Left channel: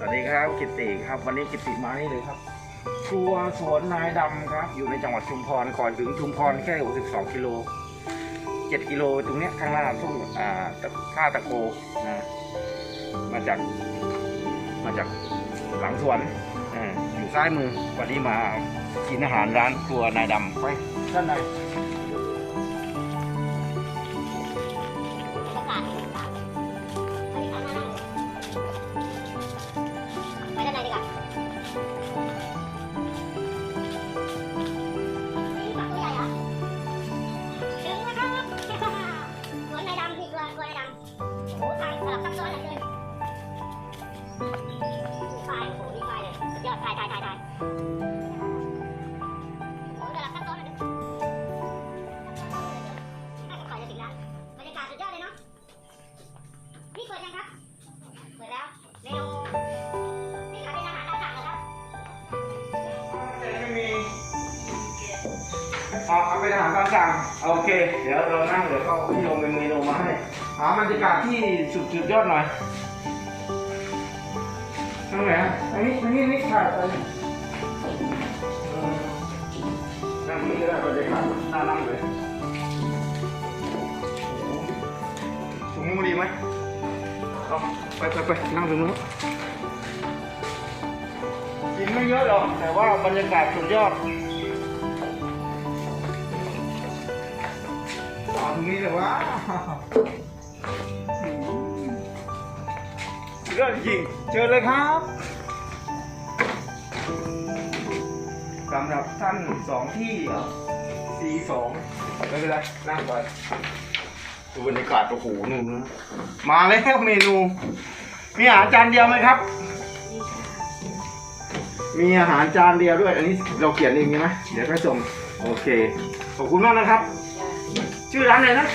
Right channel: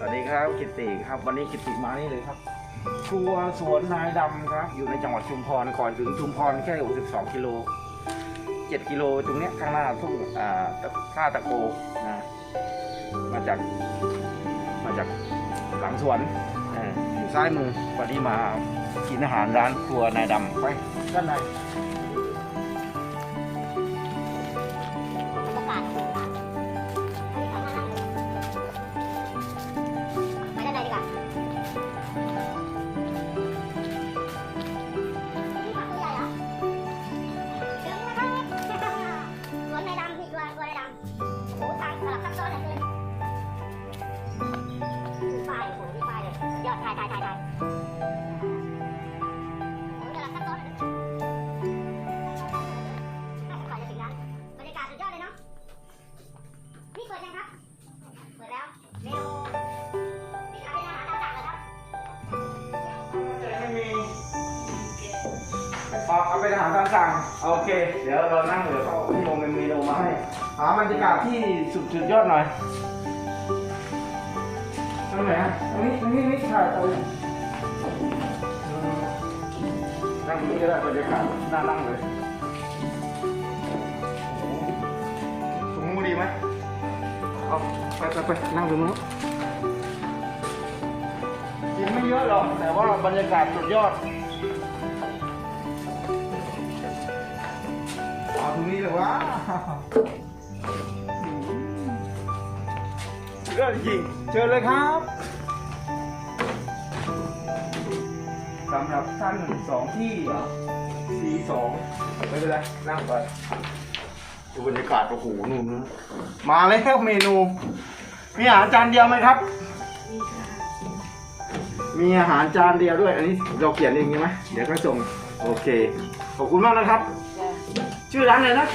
สวัสดีครับกิตติครับวันนี้กิตติมานี่เลยครับ ครัวสวนนายดำครับ อยู่ในจังหวัดชุมพรก่อนถึงชุมพรแค่ 62กิโล7กิโลตรงเนี้ยข้างหน้าทุ่งอ่าตะท่าตะโกนะมาจากมาจากหลังสวนอ่าอยู่ซ้ายมือวันนี้มากินอาหารร้านครัวนายดำไปด้านใน ถ่ายถ่ายถ่ายถ่ายโอ้โหสลับซับซ้อนเหลือเกินน่าจะก่อนจะถึงร้านบรรยากาศสุดยอดเลยเนาะ นี่เปิดยังครับ เปิดแล้ว เมนู นี่ขายเป็นอาหารตามสั่งเหรอครับ ไม่มีอ๋อเอาไปอาหารตามสั่งโอเค เดี๋ยวเรานั่งเดี๋ยวเขาพี่ลงเป็นเมนูมาให้หาบรรยากาศที่สุดสุดยอดหน่อย ทางไหนอะทางนี้ทางนี้นี่ถ่ายไปเออนั่งนี้ก็ได้บรรยากาศน่านั่งเลยโอ้โหสูงมือดีไหมเอาไปไปไปนั่งตรงนู้นกินไม่เยอะหรอก แต่ว่าบรรยากาศสุดยอดเอาตรงนี้เลยว่า เรื่องจริงเชิญเลยครับสำหรับท่านสองที่เหรอสี่สองไม่เป็นไรนั่งก่อนดูบรรยากาศโอ้โหนู่นนะมาแล้วเมนู มีอาหารจานเดียวไหมครับ มีอาหารจานเดียวด้วย อันนี้เราเขียนเองใช่ไหมเดี๋ยวก็ส่งโอเค ขอบคุณมากนะครับ ชื่อร้านอะไรนะ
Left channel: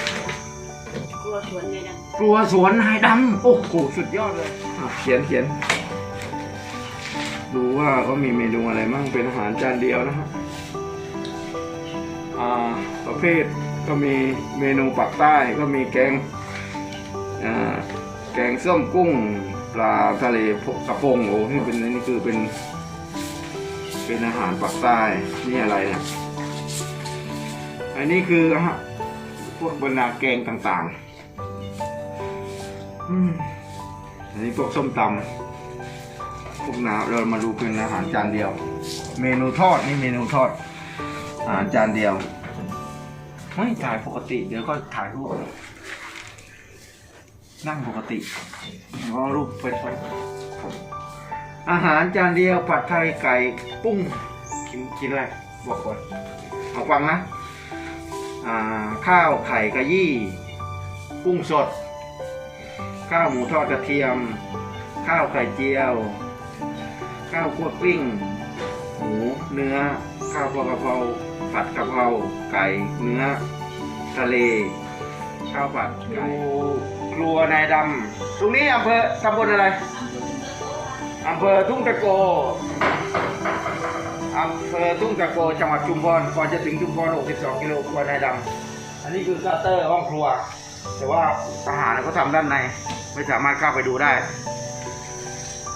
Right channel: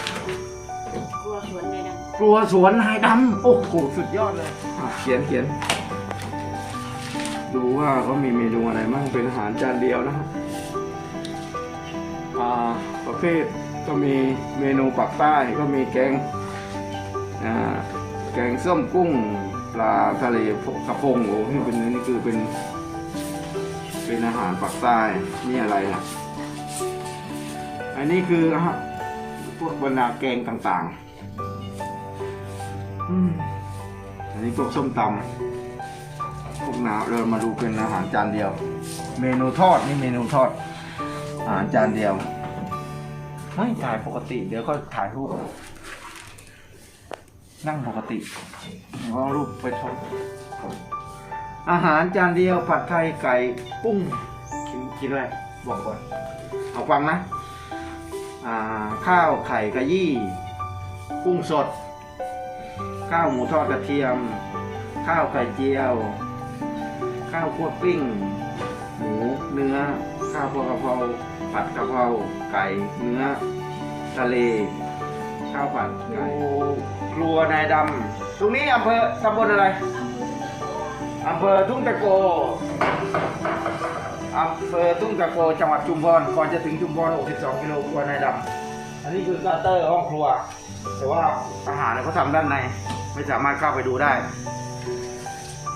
กลัวสวนเลยน กลัวสวนนายดำโอ้โหสุดยอดเลยอะเขียนเขียน ดูว่าเขามีเมนูอะไรมั่งเป็นอาหารจานเดียวนะฮะอ่าประเภทก็มีเมนูปักใต้ก็มีแกงอ่าแกงส้มกุ้งปลาทะเลกระพงโอ้นี่เป็นนี่คือเป็นเป็นอาหารปักใต้นี่อะไรนี่ยอันนี้คืออะพวกบรรดาแกงต่างๆ อันนี้พวกส้มตำพวกน้ำเรามาดูเป็นอาหารจานเดียว เมนูทอดนี่เมนูทอด อาหารจานเดียว ไม่ถ่ายปกติเดี๋ยวก็ถ่ายรูปนั่งปกติเอารูปไปทอดอาหารจานเดียวผัดไทยไก่ปุ้งกินกินอะไรบอกก่อนเอาฟังนะ อ่า ข้าวไข่กะยี่ กุ้งสด ข้าวหมูทอดกระเทียม ข้าวไข่เจียว ข้าวคั่วกลิ้ง หมูเนื้อ ข้าวพอกะเพราผัดกะเพราไก่เนื้อ ทะเล ข้าวผัดไก่ครัวนายดำตรงนี้อำเภอตำบลอะไรอำเภอทุ่งตะโกอำเภอทุ่งตะโกจังหวัดชุมพรก่อนจะถึงชุมพร 62 กิโลครัวนายดำอันนี้คือกาเตอร์ห้องครัว แต่ว่าอาหารเขาทำด้านใน ไม่สามารถเข้าไปดูได้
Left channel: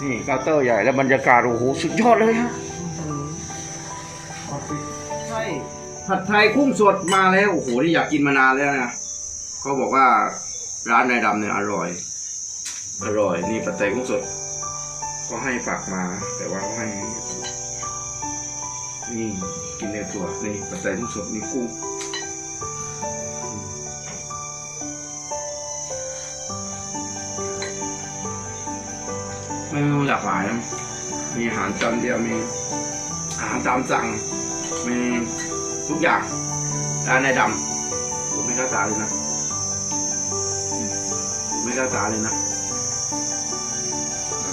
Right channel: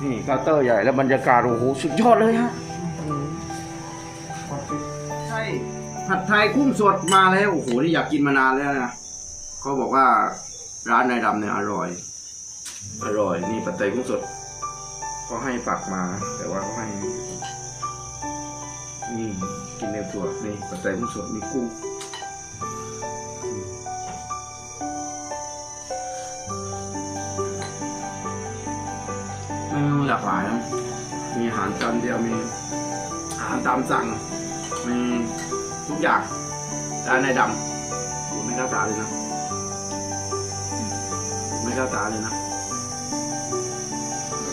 นี่เคาน์เตอร์ใหญ่แล้วบรรยากาศโอ้โหสุดยอดเลยฮะใช่ผัดไทยกุ้งสดมาแล้วโอ้โหนี่อยากกินมานานแล้วนะเขาบอกว่าร้านนายดำเนี่ยอร่อย อร่อย นี่ผัดไทยกุ้งสด ก็ให้ฝากมา แต่ว่าเขาให้ นี่กินเนื้อตัวนี่ผัดไทยกุ้งสดมีกุ้ง เมนูหลากหลายนะมีอาหารจานเดียวมีอาหารตามสั่ง มีทุกอย่างร้านในดำผมไม่กล้าตาเลยนะผมไม่กล้าตาเลยนะ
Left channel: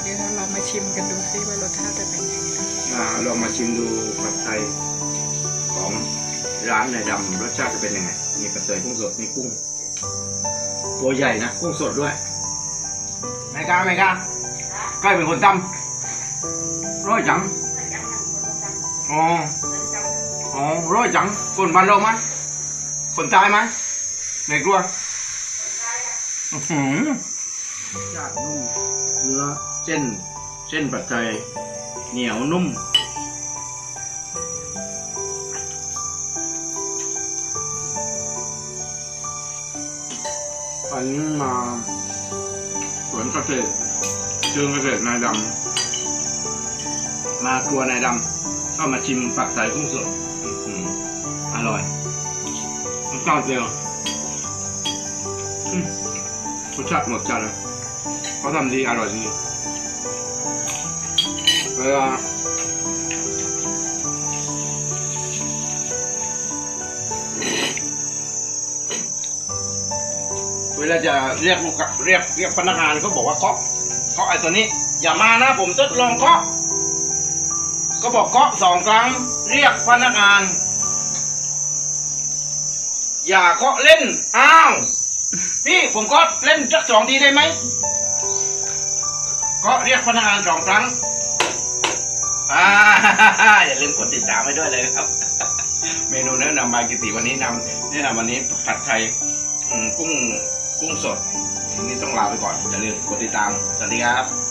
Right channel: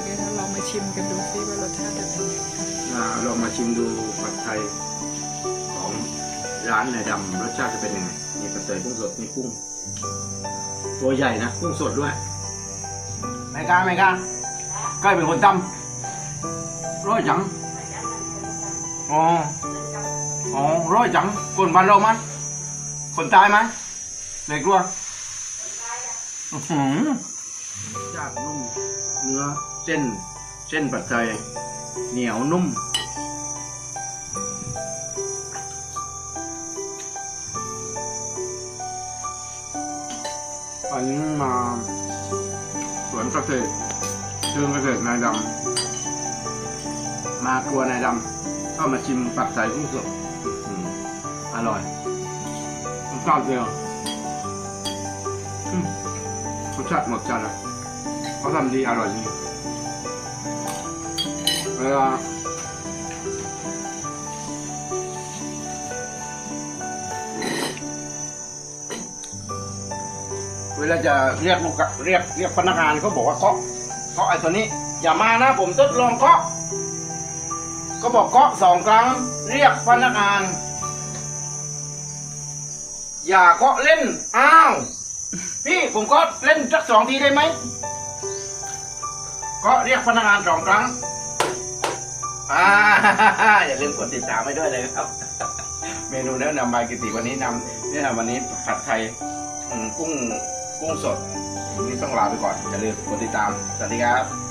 เดี๋ยวเราลองมาชิมกันดูซิว่ารสชาติจะเป็นยังไงอ่าลองมาชิมดูผัดไทยของร้านในดำรสชาติจะเป็นยังไงมีกระเตยกุ้งสดมีกุ้ง ตัวใหญ่นะ กุ้งสดด้วยไม่กล้าไม่กล้าใกล้เป็นคนตำร้อยจังอ๋ออ๋อร้อยจังคนบ้านเราไหมคนตายไหมไม่กลัวอื้อหือชาตินุ่มเนื้อเส้น เส้นส้นผัยเหนียวนุ่มอันนี้มาสวนเกษตร เชิงเกษตรนายดำ มาครัวนายดำ ก็มาชิมผัดไทยกุ้งสดอร่อยรสชาเดียวรสชาติหมดจานเลยเขาทำดีอร่อยจริงเวลาเวลาจะเรียกลูกเรียกเรียกพนักงานเขาบอกว่าเคาะ เคาะไอ้ตัวนี้ อย่ามานะผมทดลองเคาะ ก็บอกเคาะสองครั้ง เรียกพนักงาน อย่าเคาะเล่น อ้าว พี่ผมเคาะเล่นสักสองทีได้ไหมเคาะเรียกพนักงานสองครั้งอ่าอย่าลืมกดติดตามไว้ด้วยเลยครับ เมนูแนะนำบายกิติวันนี้นำเนี่ยวันนี้ผัดไทยกุ้งกุ้งสด วันนี้ต้องลาไปก่อนอย่าลืมกดติดตาม สวัสดีครับ